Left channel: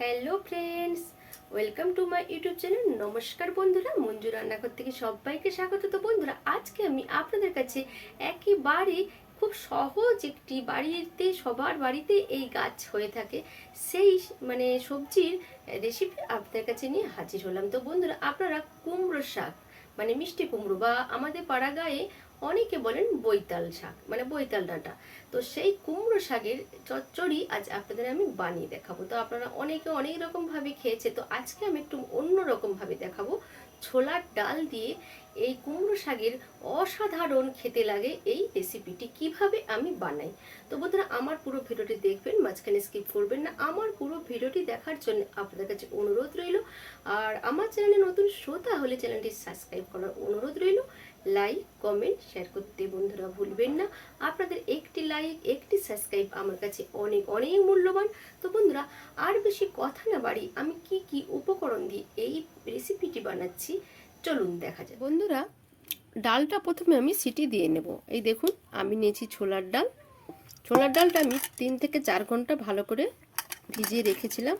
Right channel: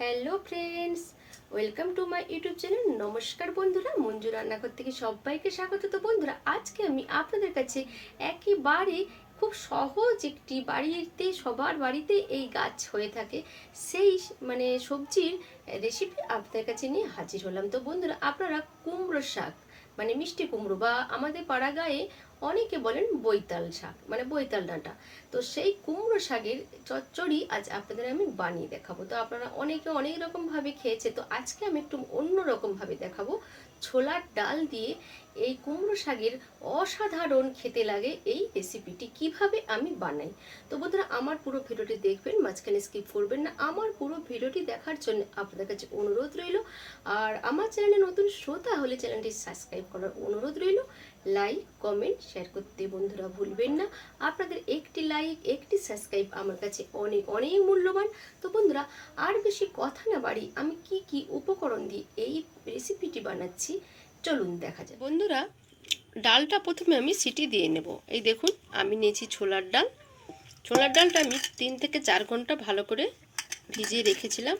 Hello friends, welcome to my YouTube channel. নমস্কার বন্ধুরা, মঞ্জু রান্নাঘর থেকে সবাইকে স্বাগত। তো বন্ধুরা, আজকে আমি আপনাদের কাছে একেবারে খুব সহজ একটি বাড়িতে, সবার বাড়িতে এই গাছ হয়ে থাকে, সেই সবজির রেসিপি আপনাদের কাছে নিয়ে হাজির হলাম। তো বন্ধুরা, আপনারা কুমড়ো শাক মিষ্টি কুমড়ো বা আমাদের পাড়া গায়ে অনেকে বলেন বৈতাল শাক, বৈতাল ডাঁটা। তো সেই কুমড়ো শাকের চচ্চড়ি আজ আপনাদের আমি বানিয়ে দেখাবো। তো আপনারা অনেকে অনেক রকম ভাবে খেয়েছে, তো আজকে আমি একটু অন্য রকম ভাবে দেখাবো। ছোলার ডাল দিয়ে এই কুমড়ো শাকের অসাধারণ খেতে লাগে এই রেসিপিটি কিভাবে আমি বানাই। তো বন্ধুরা, আমার পুরো ভিডিওটি দেখবেন, মাঝখানে স্কিপ করবেন না। আমার পুরো ভিডিওটি দেখার জন্য আপনাদের কাছে অনুরোধ রইল। আর আমার চ্যানেলে নতুন শ্রোতা হলে চ্যানেলটি সাবস্ক্রাইব করার অনুরোধ রইল। লাইক, কমেন্ট, শেয়ার করতে বন্ধুরা ভুলবেন না। আপনাদের একটি লাইক, একটি সাবস্ক্রাইব আমার কাছে অনেক অনেক মূল্যবান। তো বন্ধুরা, আর বেশি কথা না বাড়ি, আমি কি কি উপকরণ দিয়ে এই রেসিপিটি বানাচ্ছি চলুন দেখা যায়। বন্ধুরা, ডালটা প্রথমে আমি সিটি দিয়ে নেব। এই দেখুন, আমি নিয়েছি ছোলার ডাল। ছোলার ডালটা আমি 3 থেকে 4 ঘন্টা ভালো করে ভিজিয়ে রেখেছিলাম,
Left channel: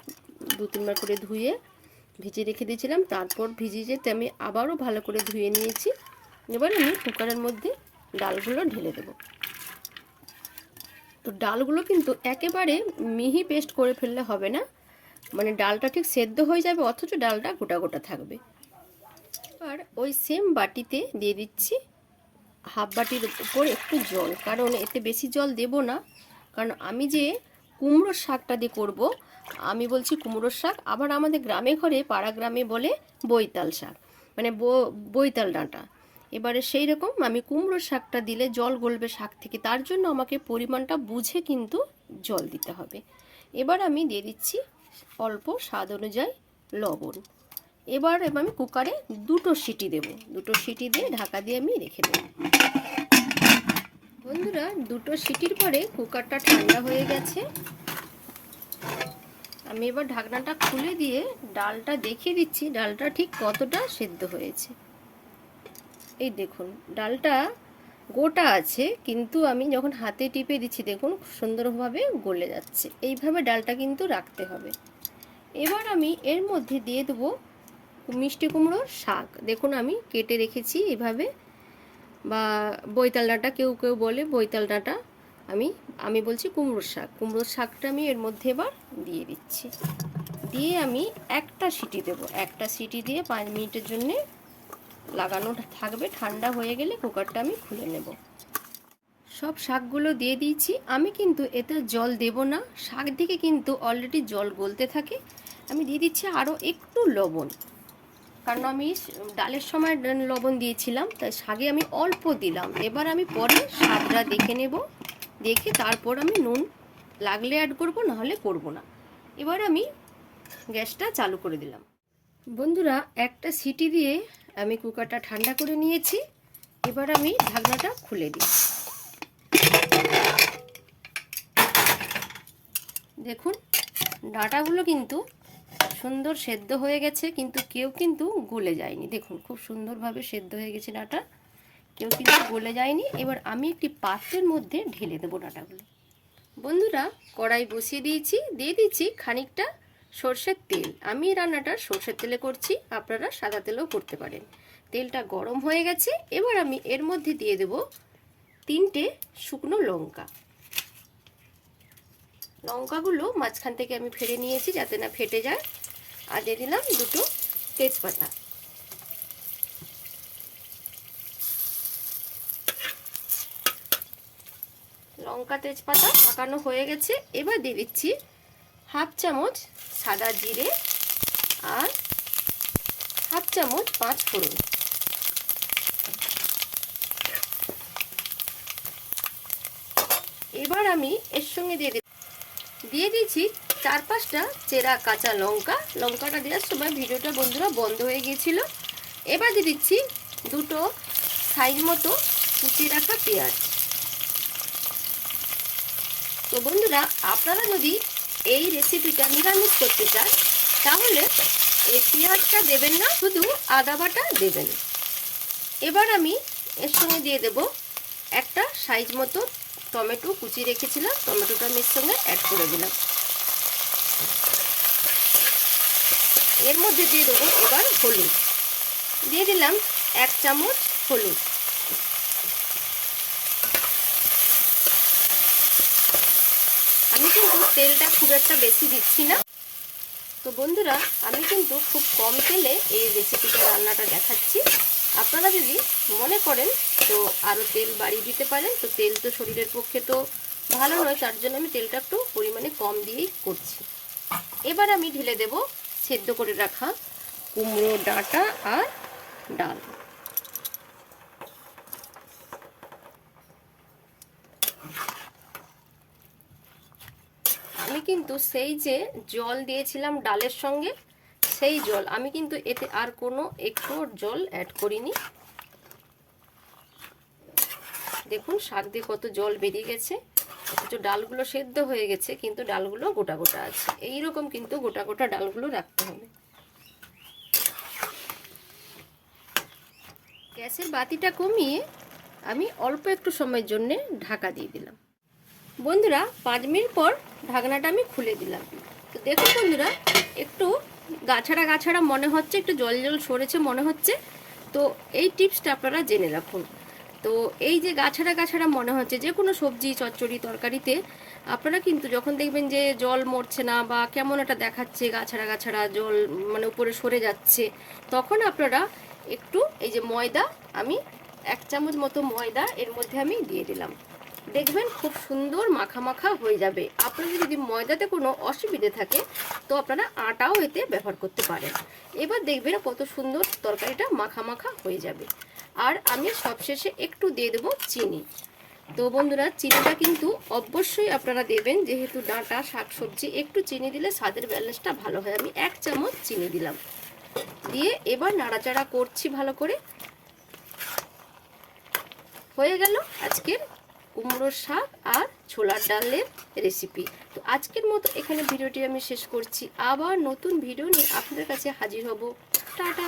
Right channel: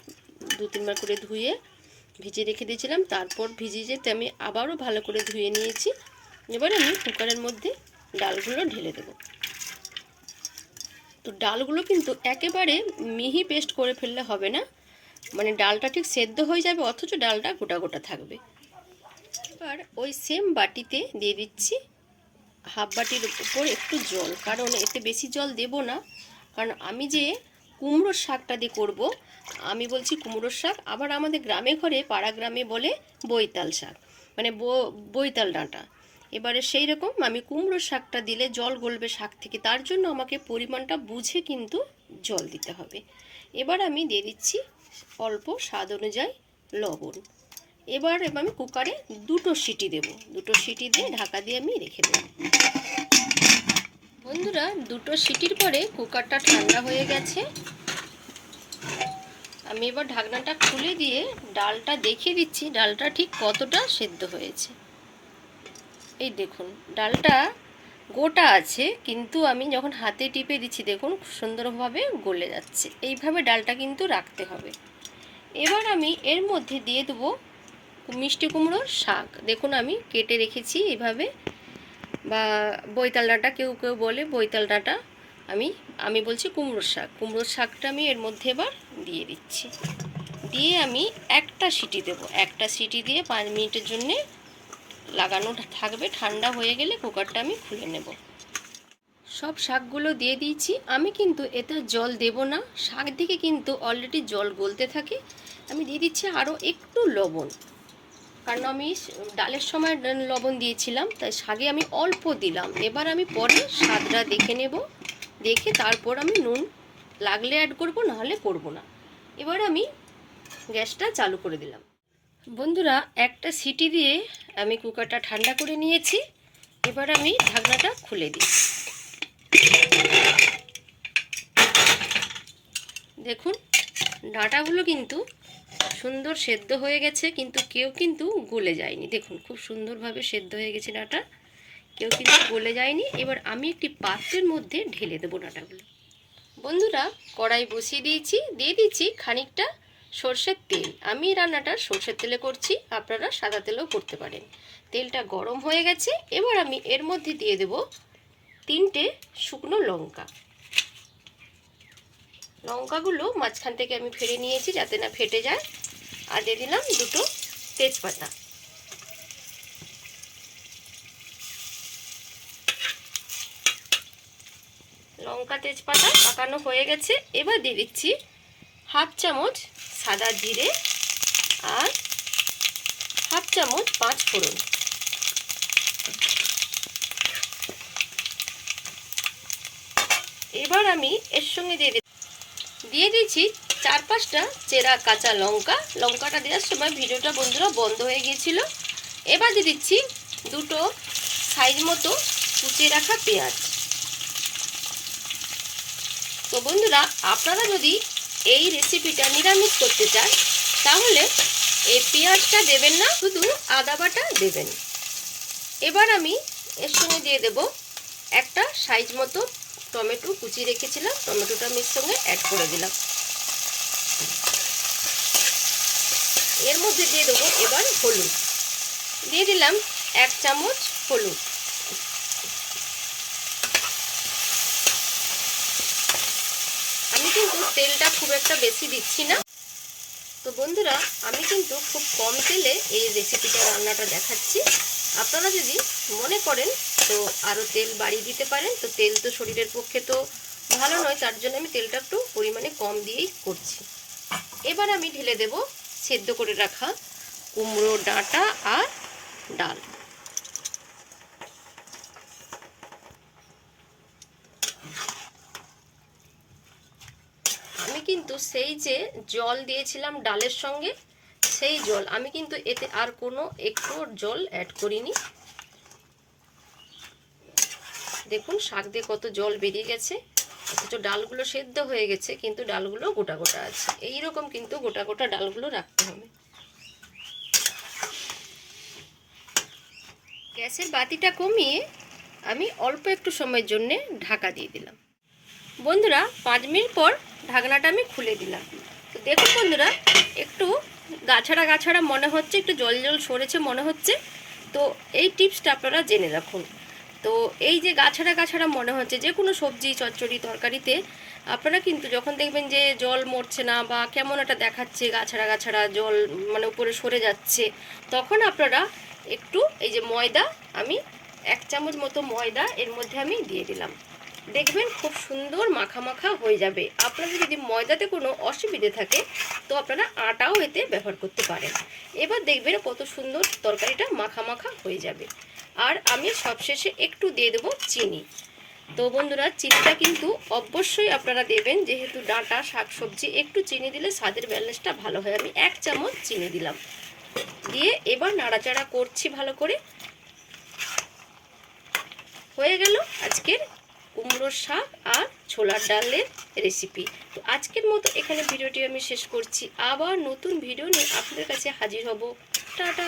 2-3 বার করে ধুয়ে ভিজিয়ে রেখে দিয়েছিলাম। তারপর ভিজিয়ে যেতে আমি আবারও ভালো করে ধুয়ে নিয়েছি। এবার আমি কুকারের মধ্যে ডালগুলো ঢেলে দেব। তো ডালগুলো কিন্তু একেবারে মিহি পেস্ট করে ফেললে হবে না, ডালটা ঠিক সেদ্ধ হয়ে যাবে অথচ ডালটা গোটা গোটা থাকবে। আর ওই সেম বাটিতে দিয়ে দিচ্ছি হাফ বাটির উপর একটু জল, কারণ এতে বেশি জল দেব না, কারণ আমি যে কুমড়োর শাকটা দিয়ে করব, আমি বলছি কুমড়োর শাক, আবার আমাদের গ্রামে ঘরে পাড়া গ্রামে বলে বৈতাল শাক, বৈতাল ডাঁটা। এবারে সেই রকম আমি কুমড়োর শাকটা দিলে জল গলবে শাক থেকে, তার জন্য আমাকে পরিমাণটা বুঝে কিন্তু জল দিতে হবে। এবার আমি দিয়ে দিচ্ছি অল্প স্বাদ অনুযায়ী লবণ। এবার আমি কুকারে 2টো সিটি দেব, 2টো সিটি দিয়ে ঢাকা দিয়ে আমি রেখে দেব। বন্ধুরা, 2টো সিটির পরে কুকারটা ঠান্ডা হয়ে গেছে। আমি এবার ঢাকনাটা খুলে দিয়ে ডালটা দেখিয়ে দিচ্ছি ডালটা ঠিক কতটা সেদ্ধ হয়েছে। এই দেখুন, ডালটা গোটা আছে, কিন্তু আমি যখন হাতে টিপে দিচ্ছি দেখুন সুন্দরভাবে গলে যাচ্ছে। এইভাবে ডালটা কিন্তু রাখতে হবে। এবার আমি এর মধ্যে দিয়ে দেবো মিষ্টি কুমড়োর শাক। দেখুন আমি কেটে রেখেছি এভাবে, বা বৈতাল ডাঁটা কেউ কেউ বলে বৈতাল ডাঁটা, আমি বলছি কুমড়োর শাক। কুমড়োর শাকটা আমি এর মধ্যে এবার দিয়ে দিচ্ছি। দিয়ে আমি একটা সিটি দেব, একটা সিটি দিয়ে 5 মিনিটের জন্যে লাগানো থাকবে। ঠান্ডা হয়ে গেলে কুকারটা আমি খুলে নেব। সব শাকগুলো দিয়ে দিয়েছি। আমি কিন্তু এতে জল দেব না, শাক দিকে কিন্তু অলরেডি জল গলতে থাকে। আমি দিয়ে দিচ্ছি আরও একটু লবণ, কারণ আমি ডালের সময় লবণ দিয়েছিলাম, তাই শাকে আমি অল্প দিলাম। এবার আমি পরে স্বাদটা দেখে নেব, দেখে তারপর আমি নুন লাগলে অ্যাড করব, নাহলে করব না। এবার আমি গ্যাসটা চালু করে দিলাম। বন্ধুরা, একটা সিটি দিয়ে আমি কুকারটা ঠান্ডা করে নিয়েছি। এবার আমি ঢাকনাটা খুলে দিই। দেখুন, ডাঁটাগুলো কিন্তু সুন্দর সেদ্ধ হয়ে গেছে, কিন্তু কেউ কিন্তু গলে যায়নি। দেখুন খুব সুন্দরভাবে সেদ্ধ হয়ে গেছে ডাঁটা, কেউ কিন্তু গলে যায়নি। এবার আমি একটি পাত্রের মধ্যে ঢেলে দেবো ডাঁটাগুলো। বন্ধুরা, কড়াই বসিয়ে দিয়েছি, দিয়ে দিচ্ছি খানিকটা সর্ষের তেল। আমি রান্নাটা সর্ষের তেলে করছি, আপনারা সাদা তেলেও করতে পারেন। তেলটা গরম হয়ে গেছে। এবার আমি এর মধ্যে দিয়ে দেব 3টে শুকনো লঙ্কা। লঙ্কাগুলো মাঝখান থেকে আমি ফেড়ে নিয়েছি যাতে না ফেটে যায়। আর দিয়ে দিলাম 2টো তেজপাতা। লঙ্কা তেজপাতা পাকানো হয়ে গেছে। এবার দিয়ে দিচ্ছি হাফ চামচ সাদা জিরে আর হাফ চামচ 5 ফোড়ন। এবার আমি এর সঙ্গে দিয়ে দিচ্ছি 4-5টা চেরা কাঁচা লঙ্কা। লঙ্কাটা দেওয়ার সময় ভিডিওটা বন্ধুরা বন্ধ হয়ে গিয়েছিল। এবার দিয়ে দিচ্ছি 2টো সাইজ মতো কুচিয়ে রাখা পেঁয়াজ। তো বন্ধুরা, আপনারা যদি এই রেসিপিটা নিরামিষ করতে চান তাহলে এই পেঁয়াজটা দেবেন না, শুধু আদা বাটা দেবেন। এবার আমি এর সঙ্গে দিয়ে দেব একটা সাইজ মতো টমেটো কুচিয়ে রেখেছিলাম, টমেটোটা আমি এর সঙ্গে অ্যাড করে দিলাম। এর মধ্যে দিয়ে দেবো এবার হলুদ, দিয়ে দিলাম 1 চামচ হলুদ। আমি কিন্তু তেলটা খুব একটা বেশি দিচ্ছি না। তো বন্ধুরা, আমি কিন্তু খুব কম তেলে এই রেসিপিটা রান্নাটা দেখাচ্ছি। আপনারা যদি মনে করেন তো আরও তেল বাড়িয়ে দিতে পারেন। তো তেল তো শরীরের পক্ষে তো ভালো নয়, তার জন্য আমি তেলটা একটু পরিমাণে কম দিয়েই করছি। এবার আমি ঢেলে দেব সেদ্ধ করে রাখা কুমড়ো ডাঁটা আর ডাল। আমি কিন্তু সেই যে জল দিয়েছিলাম ডালের সঙ্গে, সেই জল আমি কিন্তু এতে আর কোনো একটু জল অ্যাড করিনি। দেখুন শাক দিয়ে কত জল বেরিয়ে গেছে, অথচ ডালগুলো সেদ্ধ হয়ে গেছে কিন্তু ডালগুলো গোটা গোটা আছে। এইরকম কিন্তু গোটা গোটা ডালগুলো রাখতে হবে। গ্যাসের বাতিটা কমিয়ে আমি অল্প একটু সময়ের জন্য ঢাকা দিয়ে দিলাম। বন্ধুরা 5 মিনিট পর ঢাকনাটা আমি খুলে দিলাম। তো দেখুন বন্ধুরা, একটু গাছাড়া গাছাড়া মনে হচ্ছে, একটু জল জল সরেছে মনে হচ্ছে। তো এই টিপসটা আপনারা জেনে রাখুন। তো এই যে গাছাড়া গাছাড়া মনে হচ্ছে, যে কোনো সবজি চচ্চড়ি তরকারিতে আপনারা কিন্তু যখন দেখবেন যে জল মরছে না বা কেমন একটা দেখাচ্ছে, গাছাড়া গাছাড়া জল মানে উপরে সরে যাচ্ছে, তখন আপনারা একটু এই যে ময়দা, আমি 1 চামচ মতো ময়দা এর মধ্যে আমি দিয়ে দিলাম। দেখবেন খুব সুন্দর মাখা মাখা হয়ে যাবে। আপনাদের যদি ময়দাতে কোনো অসুবিধে থাকে তো আপনারা আটাও এতে ব্যবহার করতে পারেন। এবার দেখবেন কত সুন্দর তরকারিটা মাখা মাখা হয়ে যাবে। আর আমি সবশেষে একটু দিয়ে দেবো চিনি। তো বন্ধুরা, চিনিটা কিন্তু অবশ্যই আপনারা দেবেন, যেহেতু ডাঁটা শাকসবজি, একটু চিনি দিলে স্বাদের ব্যালেন্সটা ভালো হয়। আমি 1 চামচ চিনি দিলাম, দিয়ে এবার নাড়াচাড়া করছি ভালো করে। হয়ে গেল আজকের কুমড়োর শাক আর ছোলার ডালের রেসিপি। তো আজকের মতো এখানে ভিডিওটি আমি শেষ করছি। আবার নতুন ভিডিও নিয়ে আপনাদের কাছে হাজির হব। টাটা।